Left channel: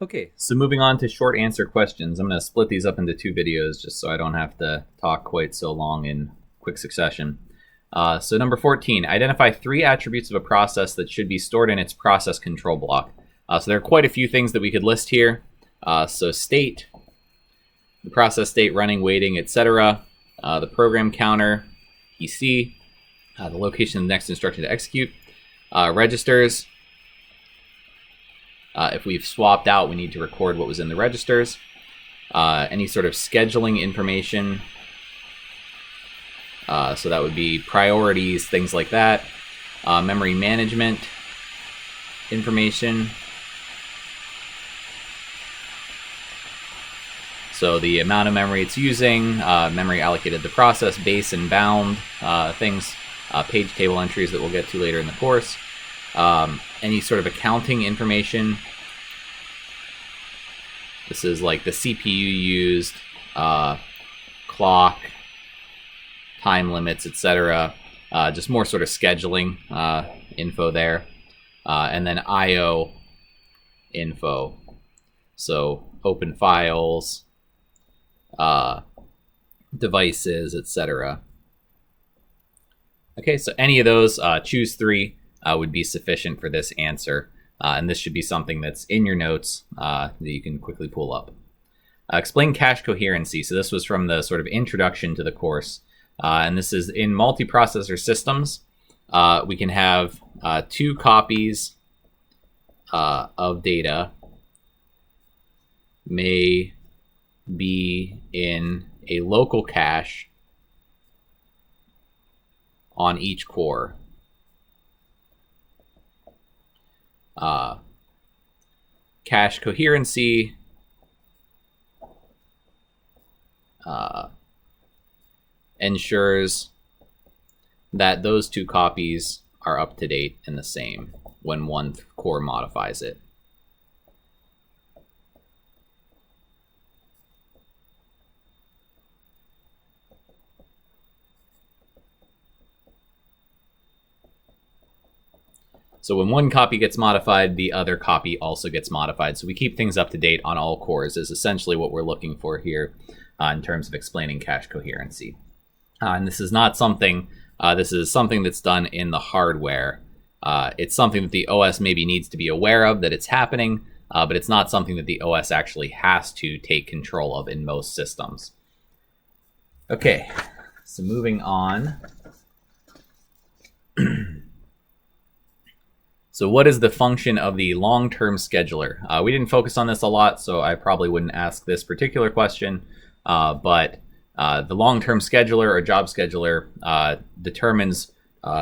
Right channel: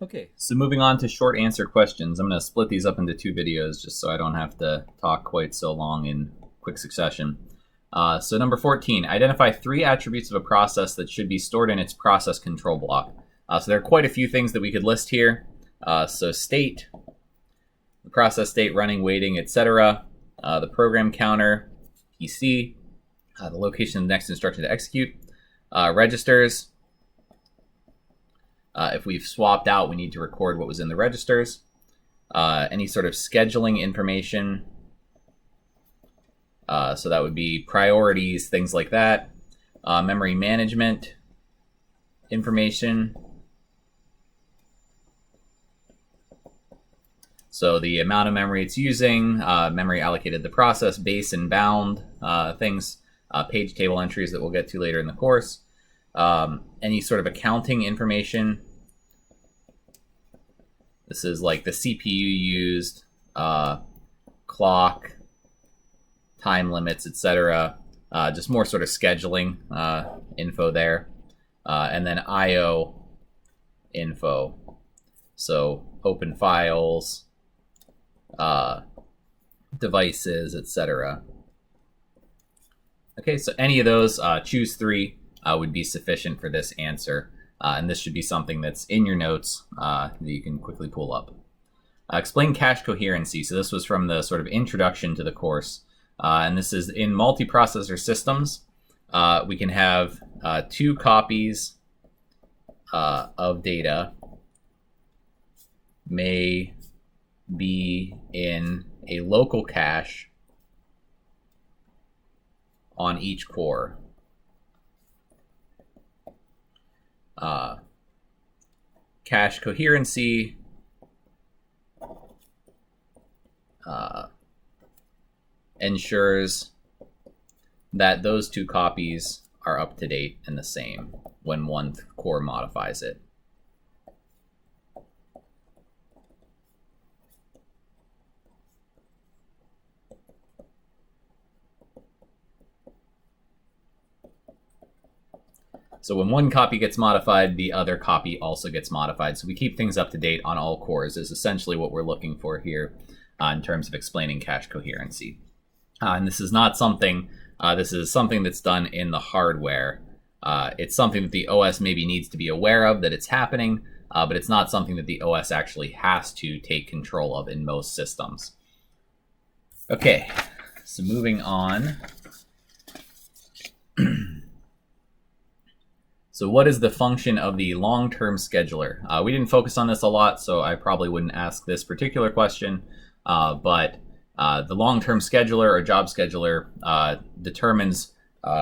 Okay, so moving on to short answer questions. I'm going to split these up into two videos just so I don't have to talk quite so long in quick succession. So number 14, identify 3 attributes of a process that should be stored in its process control block. So there are quite a few things that we could list here. So state, the process state, running, waiting, etc. The program counter, EC, the location of the next instruction to execute, registers. If we've swapped out, we need to record what was in the registers. Any sort of scheduling information. So that would be priorities, things like that. Memory management information. So the amount of memory it's using, memory allocated to the process, base and bound things, page table entries that we'll get to later in the course. Any sort of accounting information. This is like the CPU used, clock, time limits, etc. Just more sort of scheduling info there. And then I/O info. So open files, devices, etc. Okay, so any of those, choose 3 would be sufficient for this answer. And this should be something that's in your notes that you can quickly pull up. Explain cache coherency. So this was from the sort of introduction to the course. And this is in multiprocessor systems. We can have 2 copies of data may be in a local cache on each core. Cache coherency ensures that those 2 copies are up to date and the same when one core modifies it. So when one copy gets modified, the other copy also gets modified. So we keep things up to date on all cores is essentially what we're looking for here in terms of explaining cache coherency. And this is not something, this is something that's done in the hardware. It's something that the OS maybe needs to be aware of that it's happening, but it's not something that the OS actually has to take control of in most systems. Okay, so moving on. So what is the function of the long-term scheduler? We didn't focus on this a lot, so I probably wouldn't ask this particular question, but the long-term scheduler or job scheduler determines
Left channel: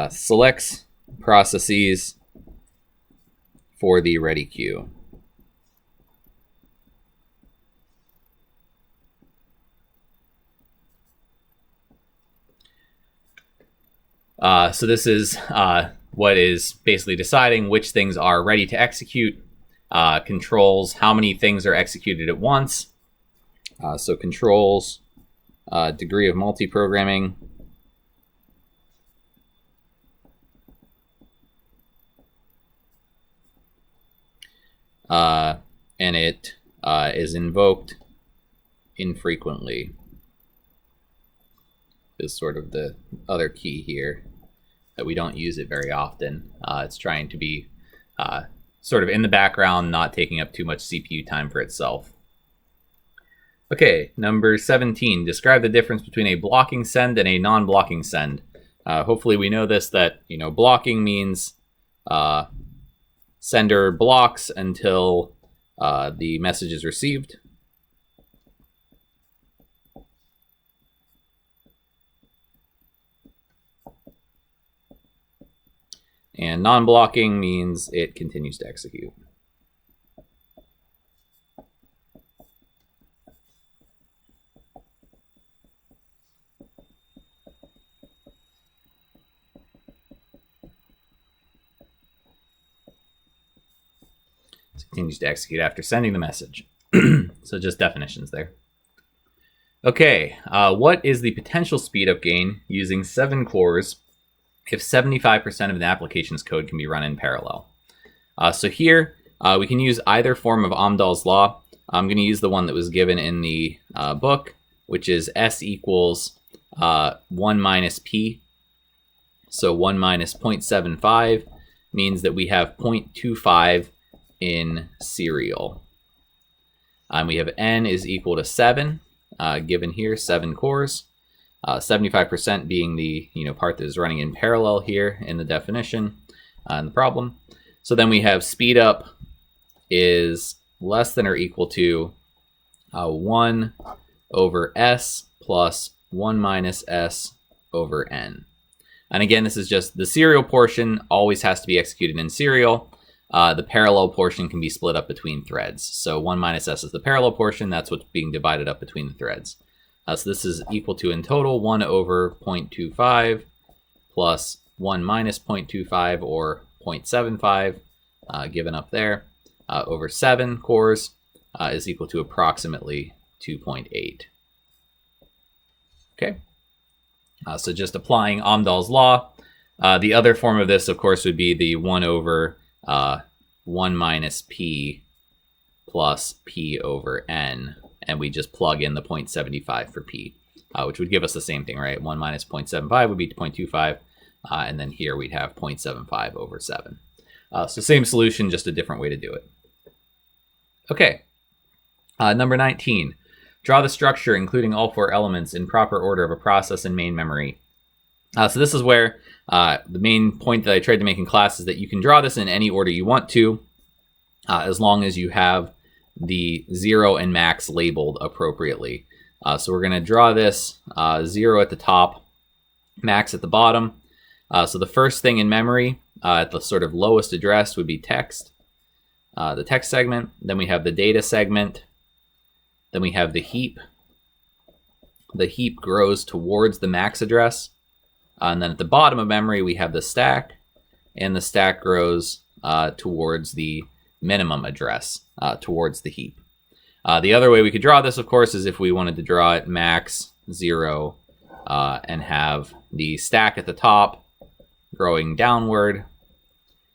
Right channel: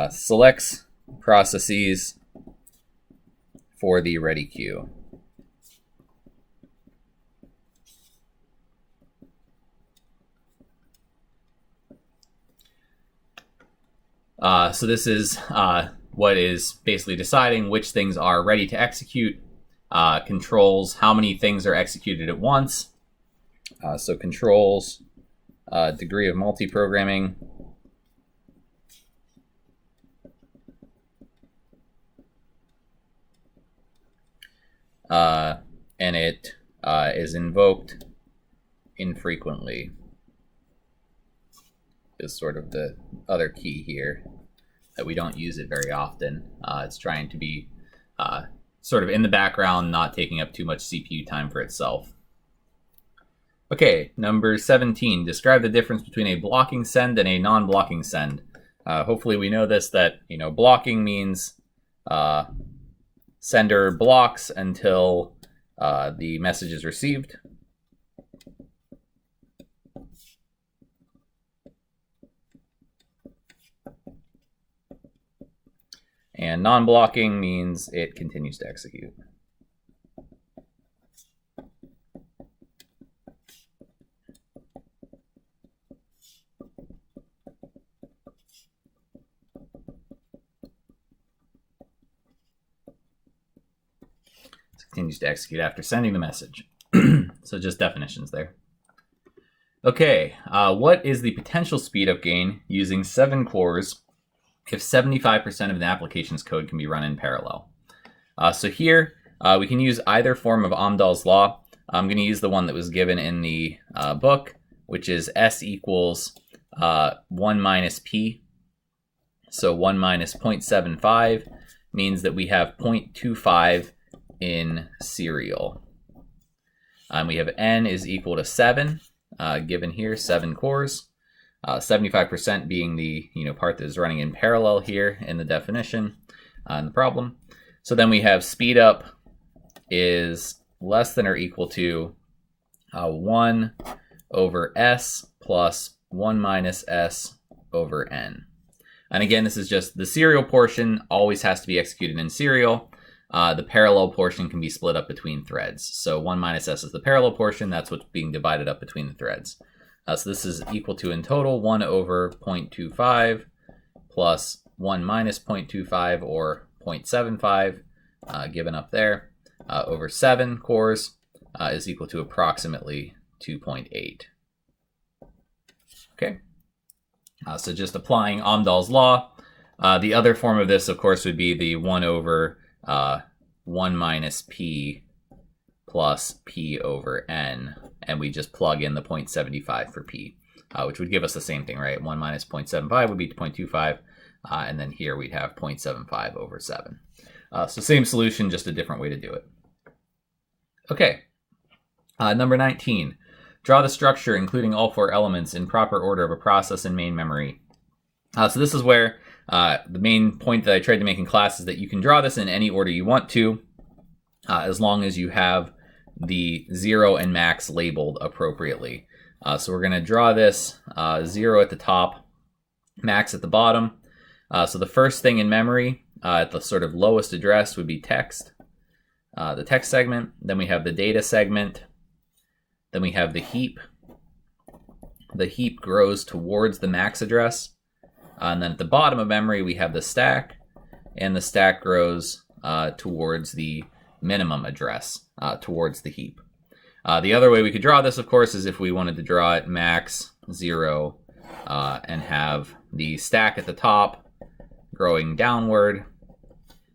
selects processes for the ready queue. So this is what is basically deciding which things are ready to execute, controls how many things are executed at once. So controls degree of multiprogramming. And it is invoked infrequently is sort of the other key here, that we don't use it very often. It's trying to be sort of in the background, not taking up too much CPU time for itself. Okay, number 17, describe the difference between a blocking send and a non-blocking send. Hopefully we know this, that blocking means sender blocks until the message is received. And non-blocking means it continues to execute. So it continues to execute after sending the message. So just definitions there. Okay, what is the potential speed up gain using 7 cores if 75% of an application's code can be run in parallel? So here, We can use either form of Amdahl's law. I'm going to use the one that was given in the book, which is S equals 1 minus P. So 1 minus 0.75 means that we have 0.25 in serial. We have N is equal to 7, given here, 7 cores. 75% being the part that is running in parallel here in the definition in the problem. So then we have speed up is less than or equal to 1 over S plus 1 minus S over N. And again, this is just the serial portion always has to be executed in serial. The parallel portion can be split up between threads. So 1 minus S is the parallel portion. That's what's being divided up between the threads. So this is equal to, in total, 1 over 0.25 plus 1 minus 0.25 or 0.75, given up there, over 7 cores is equal to approximately 2.8. Okay. So just applying Amdahl's law. The other form of this, of course, would be the 1 over 1 minus P plus P over N. And we just plug in the 0.75 for P, which would give us the same thing, right? 1 minus 0.75 would be 0.25. And then here we'd have 0.75 over 7. So same solution, just a different way to do it. Okay. Number 19. Draw the structure, including all 4 elements in proper order of a process in main memory. So this is where the main point that I tried to make in class is that you can draw this in any order you want to, as long as you have the 0 and max labeled appropriately. So we're going to draw this 0 at the top, max at the bottom. So the first thing in memory at the sort of lowest address would be text, the text segment. Then we have the data segment. Then we have the heap. The heap grows towards the max address. And then at the bottom of memory, we have the stack. And the stack grows towards the minimum address, towards the heap. The other way we could draw this, of course, is if we wanted to draw it max 0 and have the stack at the top growing downward,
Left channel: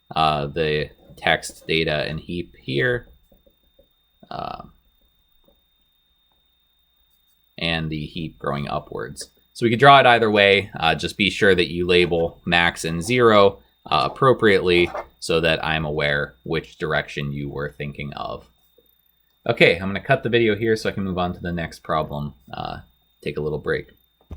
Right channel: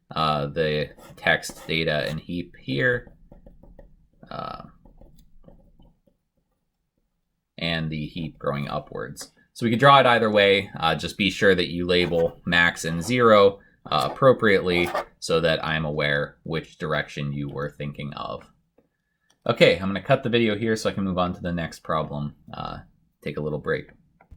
the text, data, and heap here, and the heap growing upwards. So we could draw it either way. Just be sure that you label max and 0 appropriately so that I'm aware which direction you were thinking of. Okay, I'm going to cut the video here so I can move on to the next problem. Take a little break.